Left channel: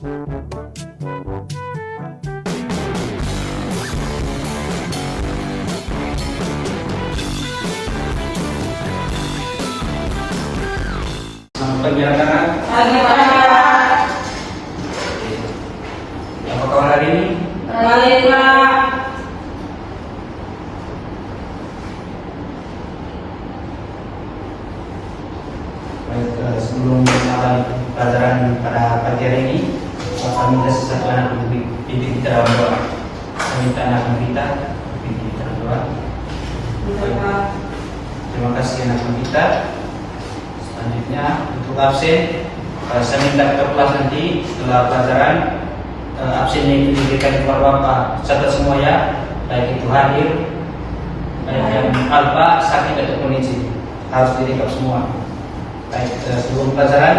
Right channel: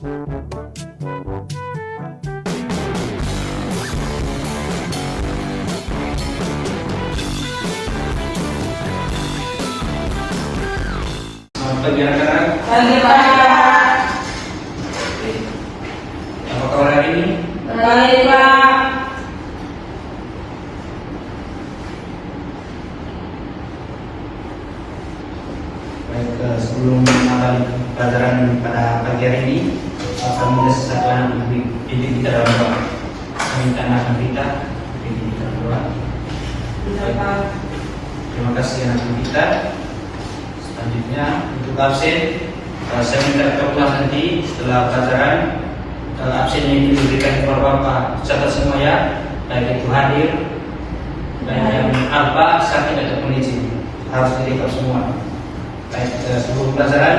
Penjelasan apa kabar hari ini? Baik, Pak. Baik, sebelum mulai pelajaran pada pagi hari ini, kami minta sesuatu inti kita dalam doa. Kami minta anak kita inti kita doa. Terima kasih anak kita. Selanjutnya untuk absen, saya minta ketua nanti setelah pelajaran absen ini diberikan informasi serta semua ya, baik itu hadir dan yang alpa sakit ataupun izin harus direkam semua. Baik, sebelum pelajaran,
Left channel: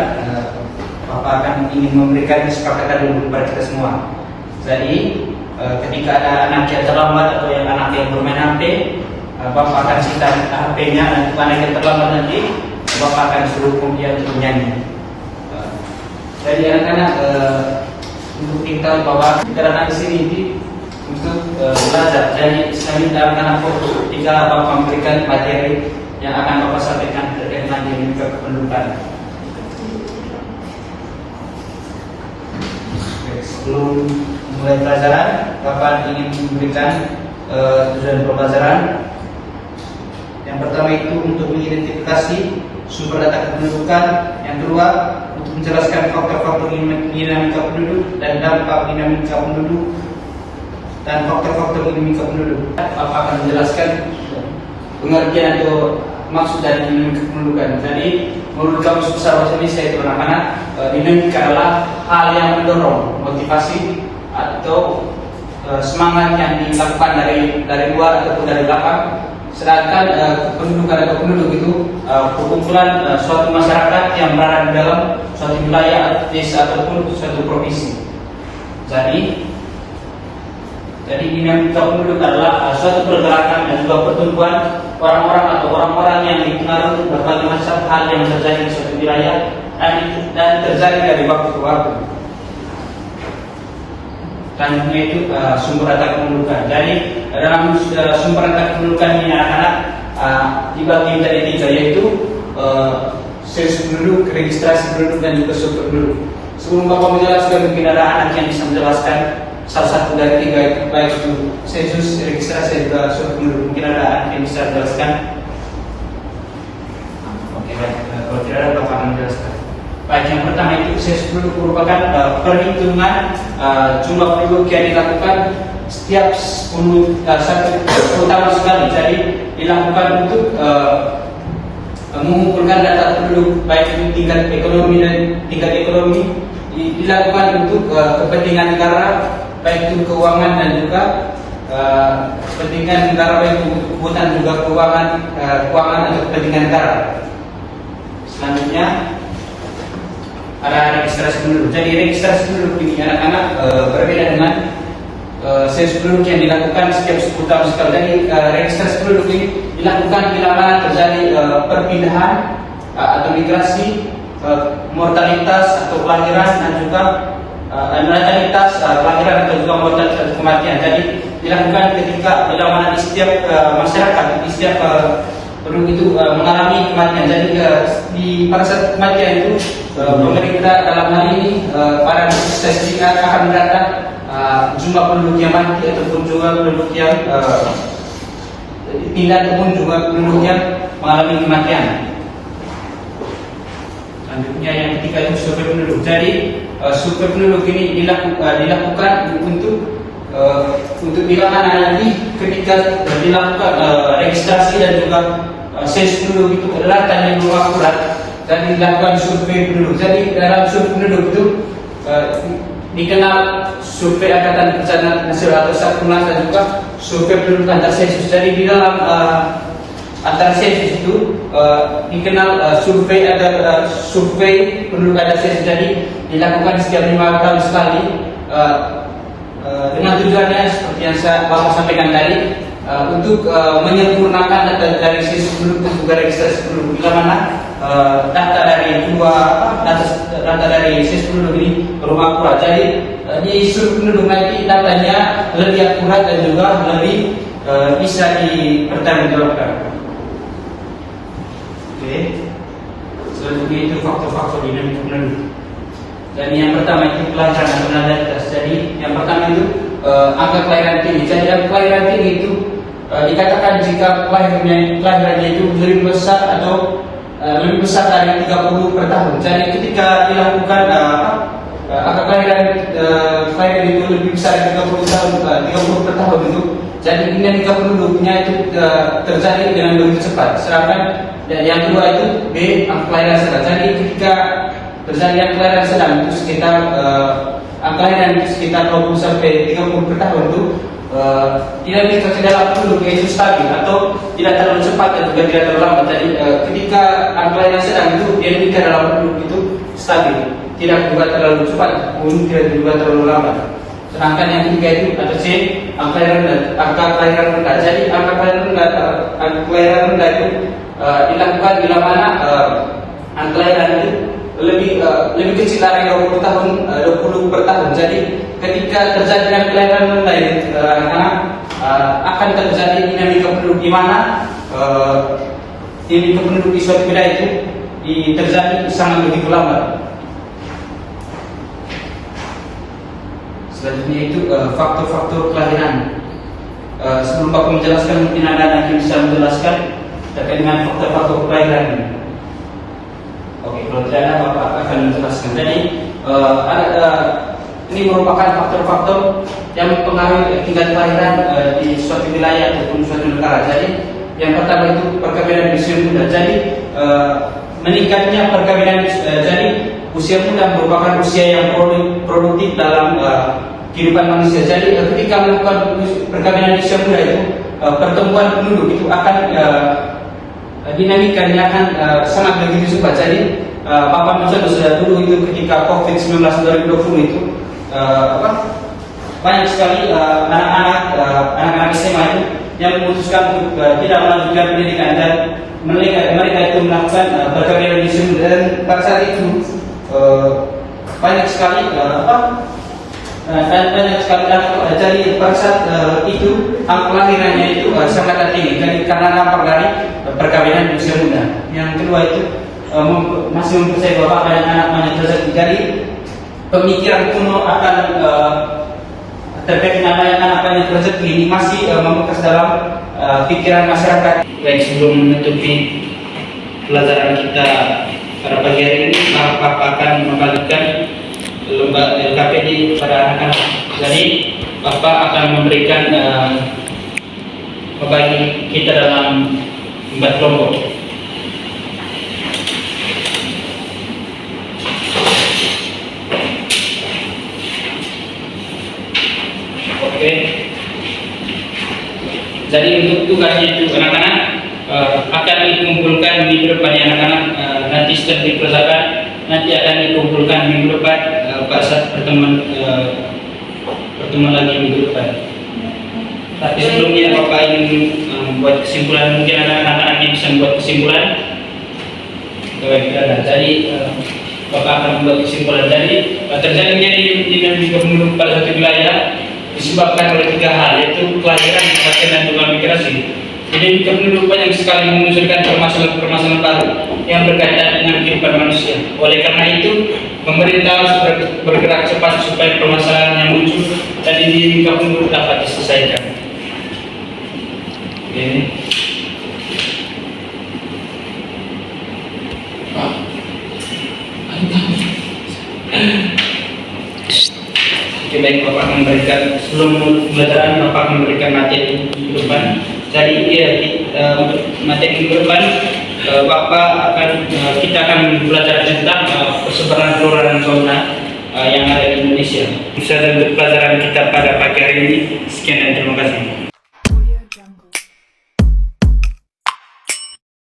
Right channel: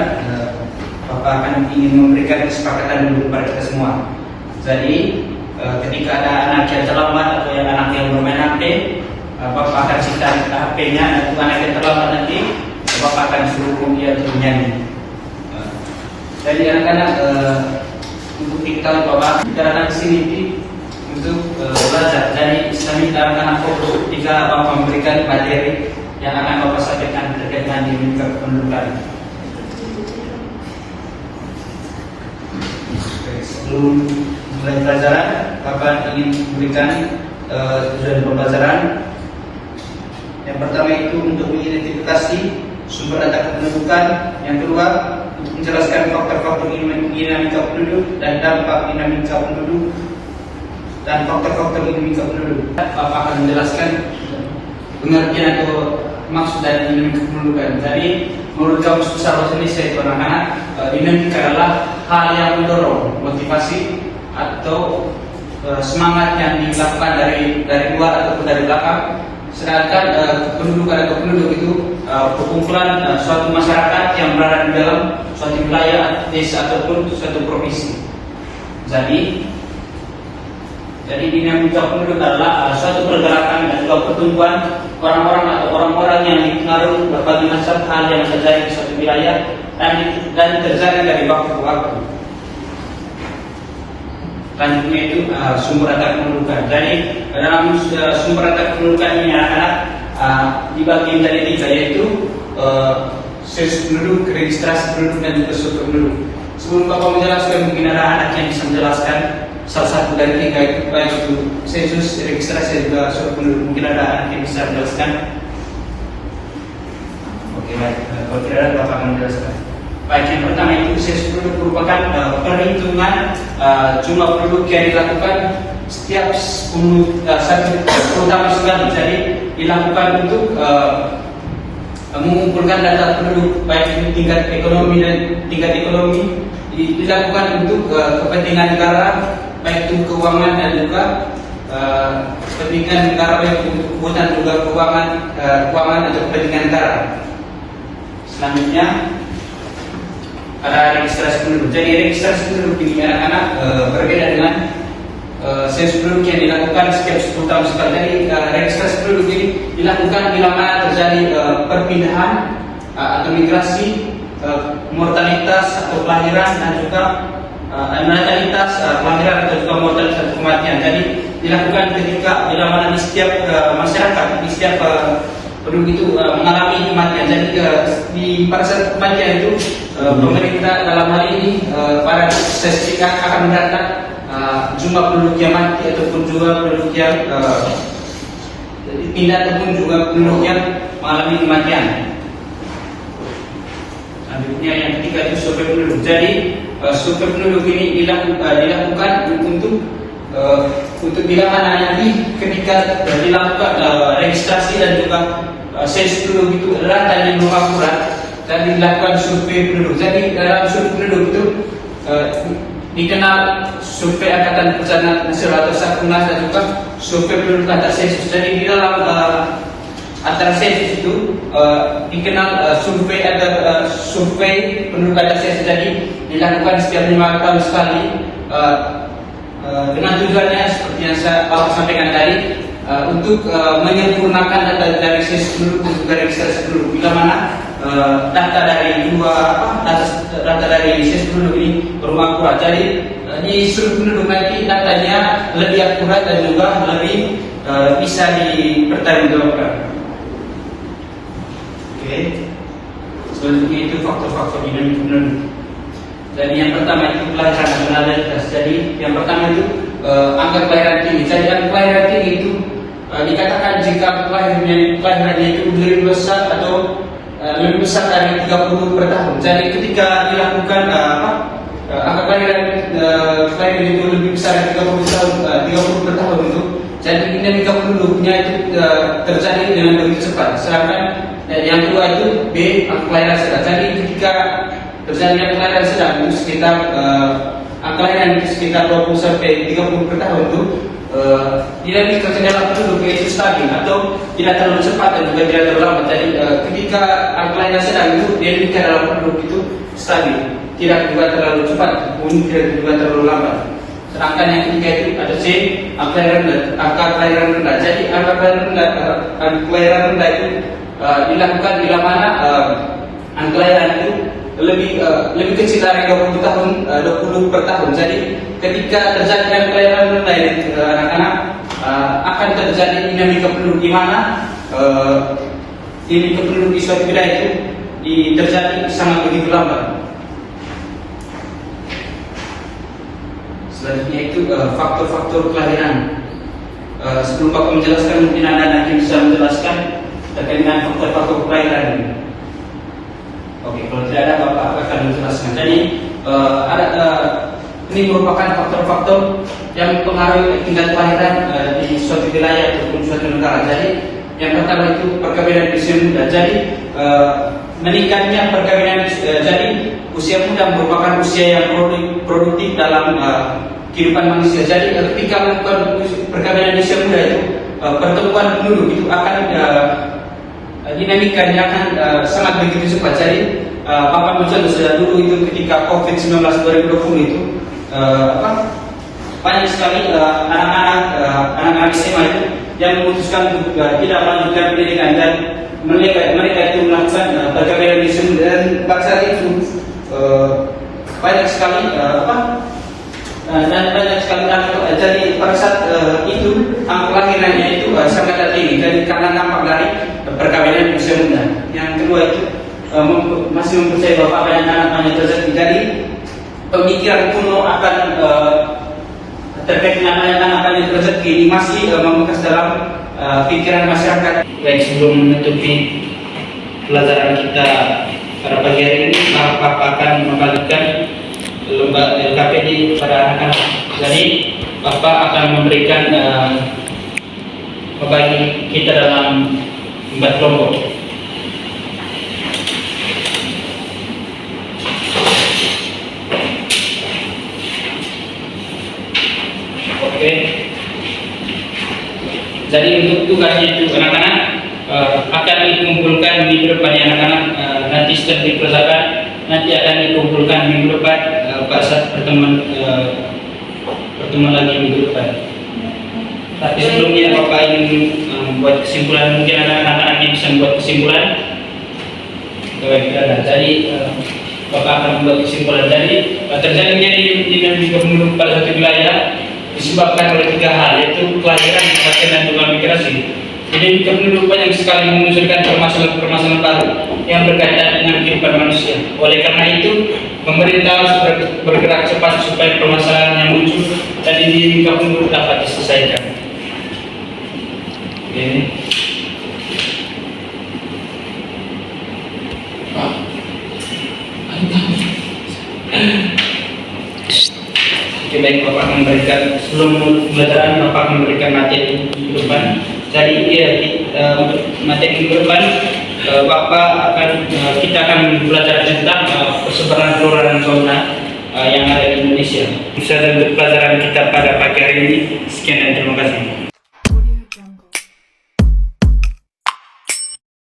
Bapak akan ingin memberikan kesepakatan dulu kepada kita semua. Jadi ketika ada anak yang terlambat atau yang anak yang bermain HP, Bapak akan cerita HP-nya, nanti anak yang terlambat nanti Bapak akan suruh dia untuk menyanyi. Jadi anak-anak untuk kita Bapak datang di sini untuk belajar. Jadi saya minta anak-anak foto ketika Bapak memberikan materi yang akan Bapak sampaikan terkait dengan dinamika kependudukan. Sebelum mulai pelajaran, Bapak ingin memberikan tujuan pembelajaran. Yang pertama itu untuk mengidentifikasi sumber data kependudukan. Yang kedua, untuk menjelaskan faktor-faktor dinamika penduduk dan dampak dinamika penduduk dan faktor-faktor dinamika penduduk. Bapak akan menjelaskan pengertian atau maksud dari dinamika kependudukan. Jadi, menurut kamus besar bahasa Indonesia itu anak-anak, dinamika adalah hal yang mendorong, motivasi atau semangat yang dilakukan dari luar ataupun dari belakang. Sedangkan kependudukan atau penduduk itu perkumpulan suatu masyarakat yang berada di dalam suatu wilayah, desa ataupun suatu provinsi. Jadi dinamika penduduk adalah suatu pergerakan dan juga pertumbuhan orang-orang atau orang-orang yang dipengaruhi berbagai macam hal yang terjadi di suatu wilayah dan terjadi dari waktu ke waktu. Dan itu sumber data kependudukan. Jadi dalam sumber data kependudukan ini anak-anak dibagi menjadi tiga, yaitu sensus penduduk, registrasi penduduk dan juga survei penduduk. Sebelum Bapak menjelaskan, mungkin ada anak yang bisa menjelaskan salah satu dari tiga itu, baik itu sensus, registrasi dan juga survei penduduk. Mungkin ada anak yang bisa menjelaskan. Oke, baik. Kalau tidak ada, Bapak menjelaskan. Baik, yang pertama itu sensus penduduk merupakan perhitungan jumlah penduduk yang dilakukan setiap 10 tahun sekali. Jadi dilakukan untuk mengumpulkan data penduduk, baik itu tingkat ekonomi dan tingkat ekonomi, dilakukan untuk kepentingan negara, baik itu keuangan dan juga kepentingan negara, baik itu kebutuhan juga keuangan atau kepentingan negara. Selanjutnya ada registrasi penduduk. Jadi registrasi penduduk ini anak-anak berbeda dengan sensus penduduk yang dilakukan setiap 10 tahun sekali. Jadi registrasi penduduk ini dilakukan bila mana terjadi perpindahan atau migrasi, mortalitas atau kelahiran dan juga natalitas kelahiran atau juga mortalitas dan kematian. Jadi dilakukan ketika bila mana di setiap masyarakat, di setiap penduduk itu mengalami kematian. Jadi pada saat kematian itu pemerintah dalam hal ini pada statistik akan mendata jumlah penduduk yang mati ataupun jumlah penduduk yang pindah ataupun jumlah penduduk yang mengalami kematian. Selanjutnya yang ketiga itu survei penduduk. Jadi survei penduduk ini dilakukan untuk bila mana nanti ketika dilakukan registrasi dan juga sensus penduduk itu adalah data yang akurat dan dilakukan survei penduduk. Jadi dalam survei penduduk itu dikenal survei angkatan bencana nasional atau SAKUNAS dan juga survei penduduk data sensus. Jadi di dalam antara sensus itu dikenal survei penduduk data sensus. Jadi dilakukan setiap 5 tahun sekali dengan tujuannya seperti yang Bapak sampaikan tadi, untuk menyempurnakan data dari sensus penduduk untuk registrasi penduduk. Bila mana data dari sensus penduduk ini belum akurat. Jadi di seluruh penduduk nanti datanya lebih akurat dan juga lebih bisa dipertanggungjawabkan. Oke. Selanjutnya itu faktor-faktor dinamika penduduk. Dan yang pertama itu kelahiran nasionalitas. Jadi yang pertama itu angka kelahiran tinggi. Jadi angka kelahiran tinggi itu dikatakan jika kelahirannya itu lebih besar atau lebih besar dari 30 per tahun. Jadi ketika dilakukan angka kelahiran itu lebih besar dari 30 per tahun itu, jadi dinamika penduduknya itu terjadi dengan lebih cepat. Sedangkan yang kedua itu angka kelahiran sedang. Jadi ketika terjadi angka kelahiran sedang itu sekitar angka kelahiran itu sekitar 20 sampai 30 per tahun itu dinamika perkembangan penduduk itu stabil atau tidak terlalu cepat dan juga tidak terlalu lambat. Jadi ketika angka kelahiran sedang itu dinamika dalam penduduk itu stabil, tidak juga terlalu cepat, pun tidak juga terlalu lambat. Sedangkan yang ketiga itu ada C, angka kelahiran rendah. Jadi angka kelahiran rendah itu dilakukan bila mana angka kelahiran itu lebih kecil dari 20 per tahun. Jadi ketika terjadi angka kelahiran rendah ini anak-anak akan terjadi dinamika penduduk di mana dinamika penduduk di suatu wilayah itu terjadi sangat begitu lambat. Selanjutnya itu faktor-faktor kelahiran. Sebelum Bapak menjelaskan, mungkin anak-anak bisa menjelaskan terkait dengan faktor-faktor kelahiran. Oke, kalau tidak ada Bapak akan menjelaskan. Jadi ini merupakan faktor-faktor yang mempengaruhi tingkat kelahiran di suatu wilayah ataupun suatu negara. Jadi yang pertama itu perkawinan usia muda. Jadi meningkatnya perkawinan jadi usia muda merupakan usia yang produktif dalam kehidupan manusia. Jadi ketika melakukan perkawinan usia muda itu pertumbuhan penduduk itu akan dinamika akan sangat begitu cepat. Jadi Bapak mencontoh sudah dulu itu ketika COVID-19 2020 itu banyak sekali anak-anak SMA itu yang memutuskan untuk tidak melanjutkan pendidikan dan mereka itu melakukan perkawinan usia muda. Dan pada saat itu banyak sekali jadi pada saat itu angka kelahirannya itu sangat tinggi. Jadi karena dampak dari perkawinan usia muda. Yang kedua itu masih mempercayai bahwa banyak anak-anak rezeki. Jadi pemikiran kuno akan terkait dengan anak-anak rezeki ini masih membekas dalam pikiran masyarakat. Baik, sebelum menutupi pelajaran kita pada pagi hari ini, Bapak akan membagikan lomba LKPD pada anak-anak. Jadi Bapak akan memberikan membagi kita dalam 4 kelompok. Oke. Jadi untuk tugasnya itu anak-anak akan dikumpulkan minggu depan ya anak-anak, nanti setelah dikerjakan nanti akan dikumpulkan minggu depan pada saat pertemuan lagi minggu depan. Tapi sebelumnya Bapak ingin membuat kesimpulan, mungkin anak-anak ini bisa membuat kesimpulan. Jadi Bapak akan membuat kesimpulan. Jadi terjadinya dinamika penduduk pada satu wilayah disebabkan oleh 3 hal, yaitu kelahiran, kematian, dan juga migrasi. Jadi penduduk banyak sekali memunculkan permasalahan baru yang berkaitan dengan kehidupan manusia. Oleh karena itu, pemerintah harus bergerak cepat supaya permasalahan yang muncul dan dinamika penduduk dapat diselesaikan. Oke. Oke, baik, Bapak memberikan sebelum pembelajaran Bapak memberikan materi minggu depan. Jadi untuk materi minggu depan kita akan belajar tentang persebaran flora dan fauna yang ada di Indonesia. Bisa untuk pelajaran kita pada pagi hari ini. Sekian dan terima kasih.